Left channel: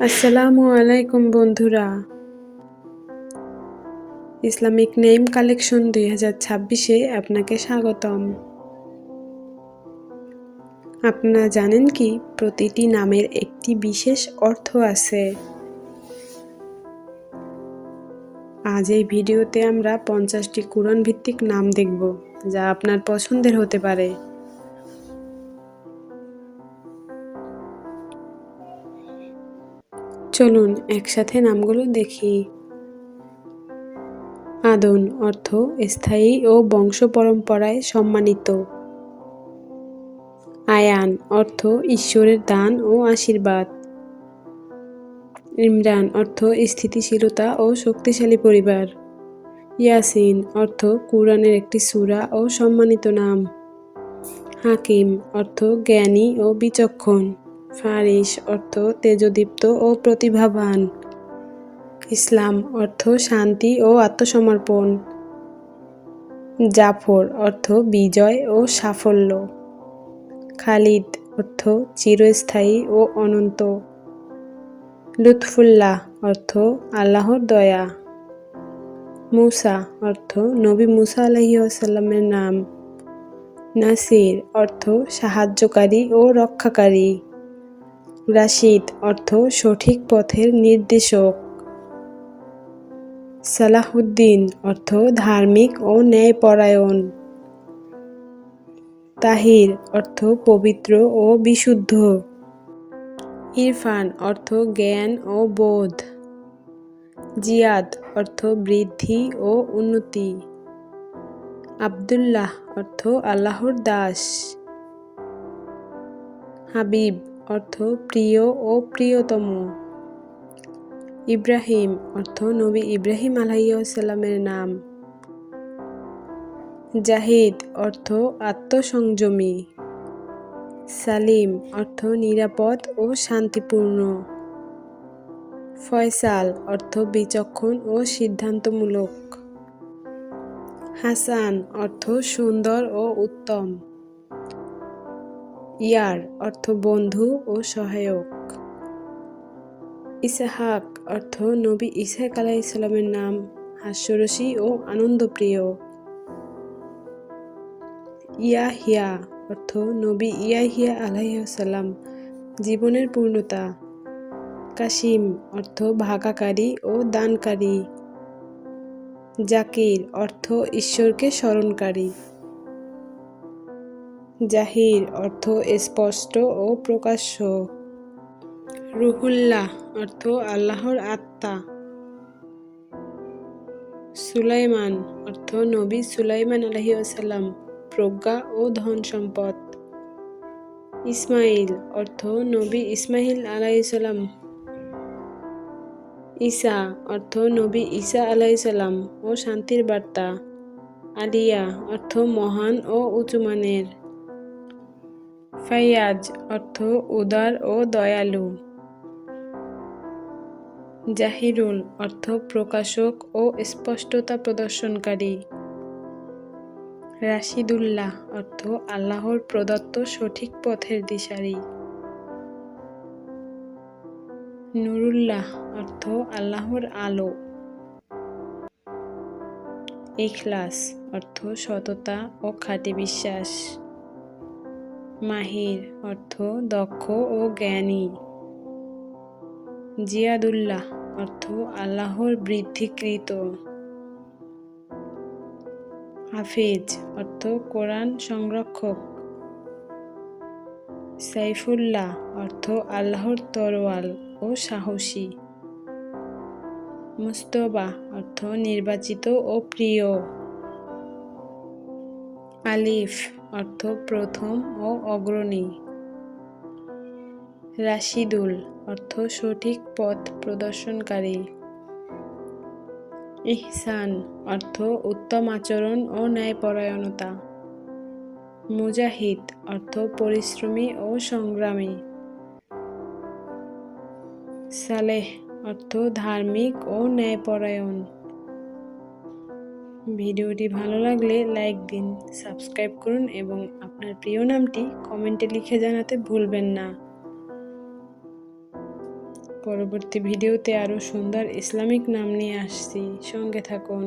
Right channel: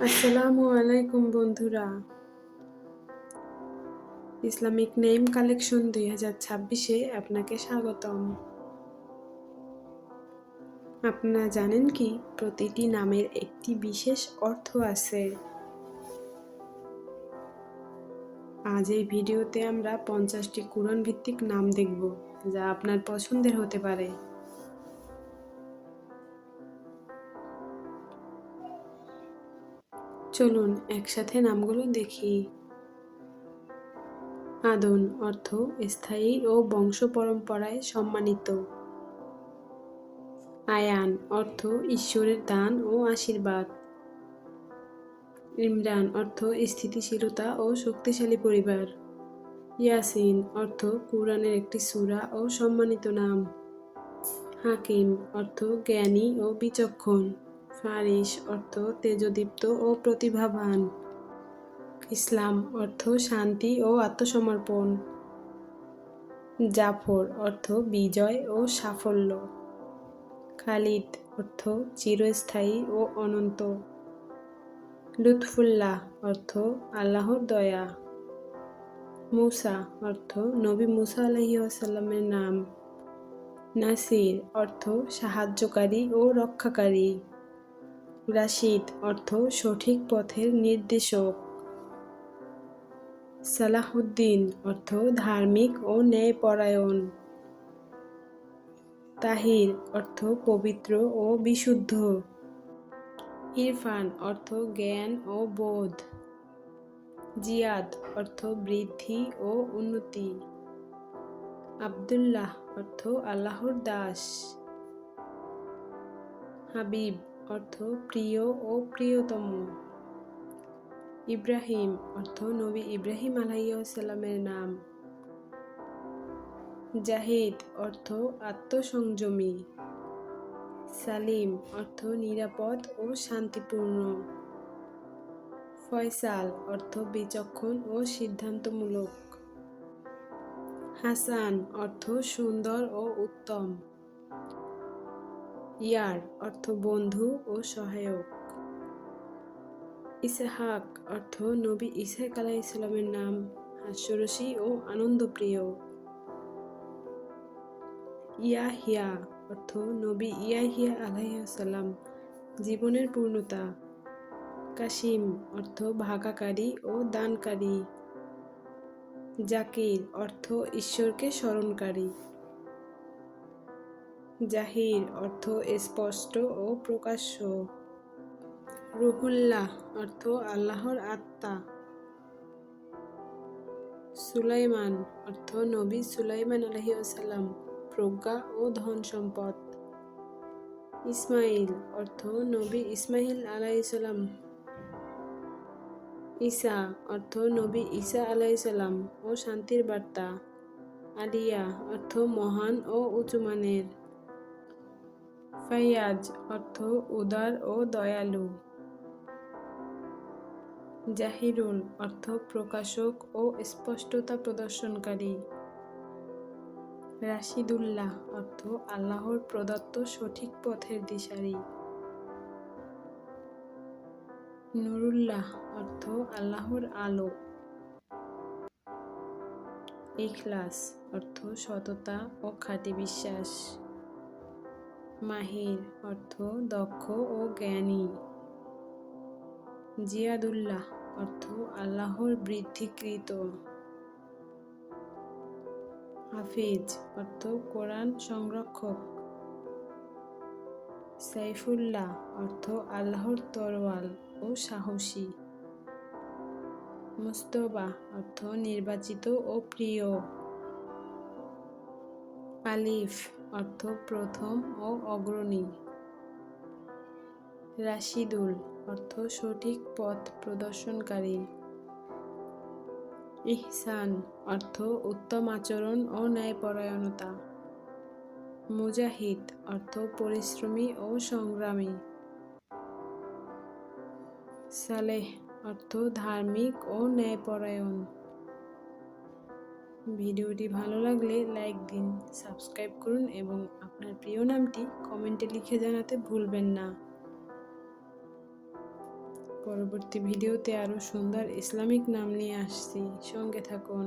আসসালামু আলাইকুম বন্ধুরা। ইসলামিক নেম কালেকশন 2026-এ আপনাকে স্বাগতম। আপনারা জানেন কি প্রতিটি নামের একটি বিশেষ অর্থ আছে? আজ এই ভিডিওতে আমরা 50টি কুরআন ভিত্তিক নাম দেখব, যা আপনার পছন্দের হতে পারে। চলুন একসাথে নামগুলো দেখি। আদন অর্থ স্থায়ী ও বংশ পরম্পরায় সম্মানিত। আয়ান অর্থ ঈশ্বরের দান ও আশীর্বাদ। ইমরান অর্থ স্থিতিশীলতা ও শক্তিশালী পরিবার। ইয়াসিন অর্থ কুরআনের একটি সূরা ও সম্মানিত নাম। হাকিম অর্থ জ্ঞানী ও বিচক্ষণ। ফারিস অর্থ তেজদীপ্ত ও প্রতিভাবান। ইসলাম অর্থ শান্তি ও আত্মসমর্পণ। জাফর অর্থ বিজয় ও সাফল্য। খালিদ অর্থ চিরস্থায়ী ও অনন্ত। লুৎফুল্লাহ অর্থ আল্লাহর দয়া। মুসা অর্থ নবী মুসা আলাইহিসসালামের নাম। নাসির অর্থ সাহায্যকারী ও রক্ষাকারী। রাশিদ অর্থ সঠিক পথের নির্দেশক। সালাহুদ্দিন অর্থ ধার্মিক ও ন্যায়পরায়ণ। তাহির অর্থ পবিত্র ও বিশুদ্ধ। ইরফান অর্থ জ্ঞান ও বোধ। জিয়াদ অর্থ বৃদ্ধি ও উন্নতি। আব্দুল্লাহ অর্থ আল্লাহর দাস। হাবিব অর্থ প্রিয় ও প্রিয়তম। ইব্রাহিম অর্থ নবী ইব্রাহিম আলাইহিসসালামের নাম। জাহিদ অর্থ আত্মসংযমী। সালিম অর্থ নিরাপদ ও শান্তিপূর্ণ। ফয়সাল অর্থ বিচক্ষণ ও সিদ্ধান্তমূলক। হাসান অর্থ সুন্দর ও উত্তম। ইয়ার অর্থ বন্ধু ও সহায়ক। ইসহাক অর্থ নবী ইসহাক আলাইহিসসালামের নাম, হাস্যরসী ও আনন্দপ্রিয়। ইয়াহিয়া অর্থ নবী ইয়াহিয়া আলাইহিসসালাম, জীবনের পূর্ণতা। কাসিম অর্থ ভাগাকারী ও দানকারী। জাকির অর্থ ঈশ্বরকে স্মরণকারী। জাহির অর্থ স্পষ্ট ও প্রকাশ্য। রুহুল্লাহ অর্থ আল্লাহর আত্মা। সুলাইমান অর্থ নবী সুলাইমান আলাইহিসসালাম, প্রজ্ঞা ও ধন সম্পদ। ইসমাইল অর্থ নবী ইসমাইল আলাইহিসসালাম। ঈসা অর্থ নবী ঈসা আলাইহিসসালাম ও শান্তির বার্তা। আলিয়া অর্থ মহান ও উঁচুমানের। ফাইয়াজ অর্থ উদার ও দয়ালু। জাহিরুল অর্থ প্রকাশক ও স্পষ্টতা প্রদর্শনকারী। রাশিদুল্লাহ অর্থ আল্লাহর প্রদত্ত সঠিক পথের দিশারি। নুরুল্লাহ অর্থ আল্লাহর আলো। ইখলাস অর্থ সততা ও খাঁটি বিশ্বাস। মাহির অর্থ দক্ষ ও জ্ঞানী। জিয়াদুল্লাহ অর্থ আল্লাহর বৃদ্ধিকৃত। হাফিজ অর্থ কোরআন সংরক্ষক। সাইফুল্লাহ অর্থ আল্লাহর তরোয়াল ও সাহসী। মুস্তফা অর্থ নির্বাচিত ও প্রিয়। আলিফ অর্থ প্রথম ও অগ্রণী। রাশিদুল অর্থ সঠিক পথ প্রদর্শনকারী। ইহসান অর্থ উত্তম আচরণ ও ন্যায়পরায়ণতা। মুজাহিদ অর্থ পরিশ্রমী ও সংগ্রামী। সালেহ অর্থ ধার্মিক ও ন্যায়পরায়ণ। ভিডিওটি ভালো লাগলে লাইক দিন, সাবস্ক্রাইব করুন এবং আপনার প্রিয় নামটি কমেন্টে লিখে জানাতে ভুলবেন না। পরবর্তী ভিডিওতে আরও সুন্দর ইসলামিক নাম নিয়ে আসছি, সঙ্গে থাকুন।